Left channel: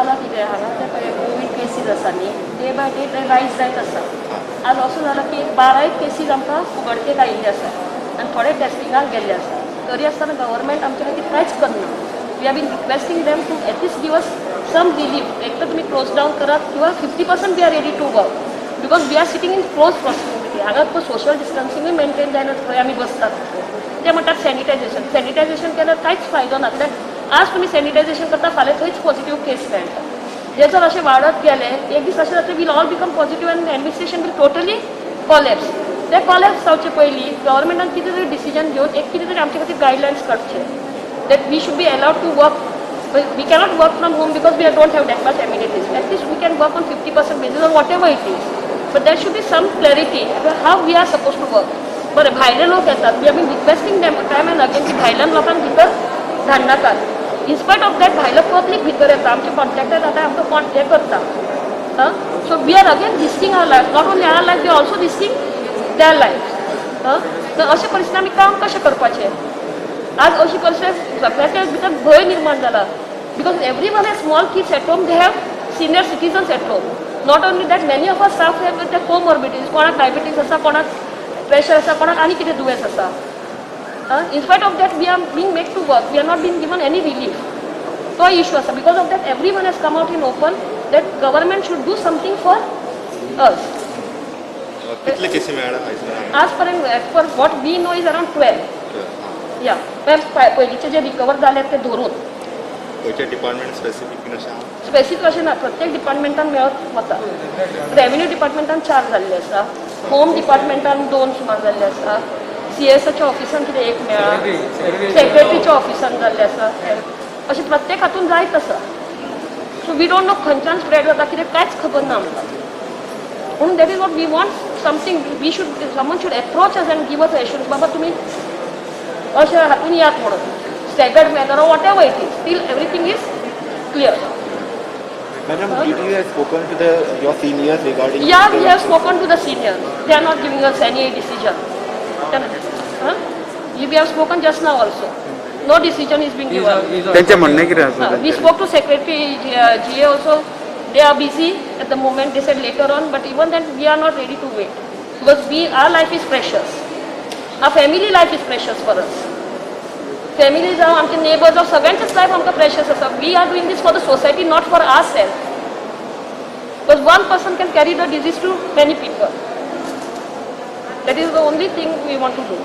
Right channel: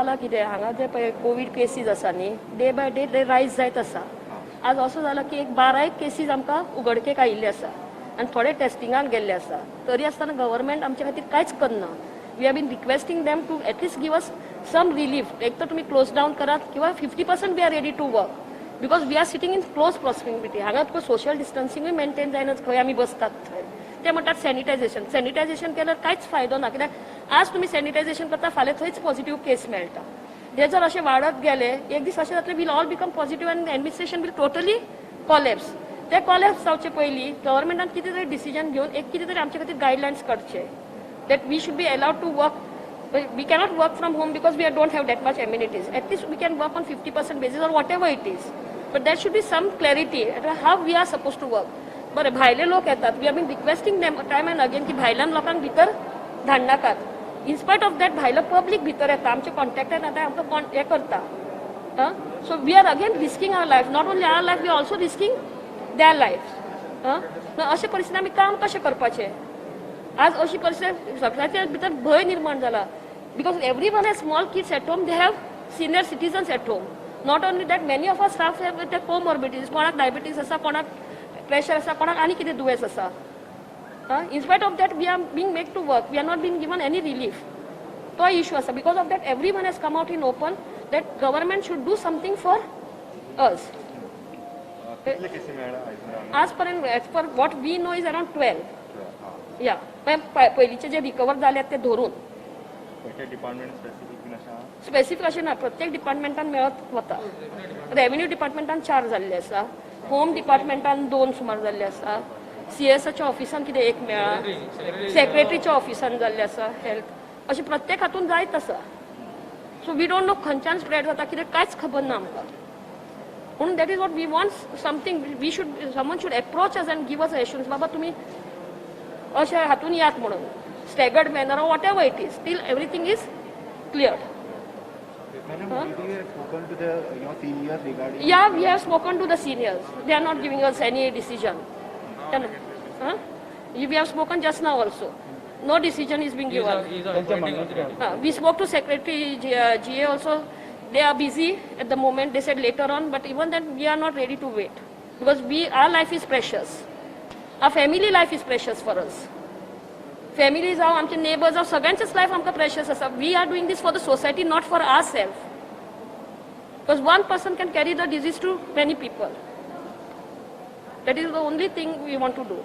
जालां कितें हांगा जे पळय कोवीड केसीस आसा न्ही डे बाय डे ते रायज जायत आसा. आज असो जाला की 12 केसीस आमकां उगडकेक आयिल्ले आसा आनी थोडे टेस्टिंगाक गेल्ले आसा. तरी आसतना गव्हर्मेंट आमच्या खातीर कांयच करना. We are been requesting them to at least give us some relief. एक तर तुमी क्लोज डावन करात किंवा 50% we are ready to work because we are sitting in close proximity. हांगा तो सोशल डिस्टन्सिंगूय मेंटेन जायना खंय आमी बसतात ते म्हणटात सॅनिटायझेशन केल्यार कांयच फायदो ना. कित्याक आज तुमी सॅनिटायझेशन करता फाल्यां थंयच पॉझिटीव केस मेळटा. हे जर अशें वाडत गेले एक दीस अशें जातलें वील ऑल बिकम पॉझिटीव आनी एडमिनिस्ट्रेशन वील टोटली कॉलेप्स. ते कॉलेप्स जावचे पयलीं गव्हर्मेंटान कितें तरी डिसिजन घेवन एक कितें तरी आमचे खातीर गायडलायन्स काडचे that we should be allowed to work. We cannot work from home because we don't have that much amenities. At least we can work on 50% basis or whatever it is. But there should be some clarity about how we are supposed to work. बरें भायले लोक येतात. We have been requesting them time and again की भायल्यान लोकांक भितर धाडनाकात. In spite of that भायलो public भितर येता. आमचे कॉन्ट्रॅक्टर जाता आमकां हे करता. So we are again risking our life. Not only our life, we are also risking their lives. तर अशे परिस्थितींत आमी काम कशें करपाचें. आज अशी परिस्थिती सगळ्याच्या भितर भंय निर्माण जाला because every one has small kids at home. They have senior citizens at home. Not only that many of us staff have with comorbidities. कोणाक डायबिटीज आसा, कोणाक प्रेशर आसा, कोणाक आनी कितें दुयेंस आसा. In spite of that we are being made to work. We are not been given any relief. तो इश्यू आसा. Because of that every one has come out in open that government should do something for us. आज पर्यंत as per what we know is around 12. या पयलींचे जे recover जाले ते धरून department specific अशें ना. प्रत्येक डिपार्टमेंटान मेळत वता. रेव्हेन्यू डिपार्टमेंटान 4 जाल्ले आसा. होम डिपार्टमेंटान 2 सुमार जाल्ले आसा. CSच्या ऑफिसान कितें 1 मेळ्ळा. सेक्रेटरीच्या ऑफिसान जाल्ले आसा. अशें प्रत्येक हातून जायत आसा. सो वी डोंट नो खंयच्यान स्प्रेड जाता कितें कांयच खबर ना आमकां. पूण that is what we want something. We should someone should approach us and give us assurance बाबा तुमी अशें हातून यात म्हणून staggered manner or whatever it is. Still everything is clear. Madam, did you have spoken to your seniors regarding? Yeah, we have spoken to the seniors. They are not giving us any decision. We have spoken just now also. No decision is being given. त्यांचे म्हणणे कितें आसा? We spoke to secretary GA also. They are busy at the moment. They said later on, but even then we are not ready to wait because our life is precious. Our family life is precious for us. Family जावं आमचे neighbours जावं सगळ्यांचेच life आमकां precious आसा. We are doing this for the society not for our self. Because one person can carry the disease to many people. That is the only thing we want to do.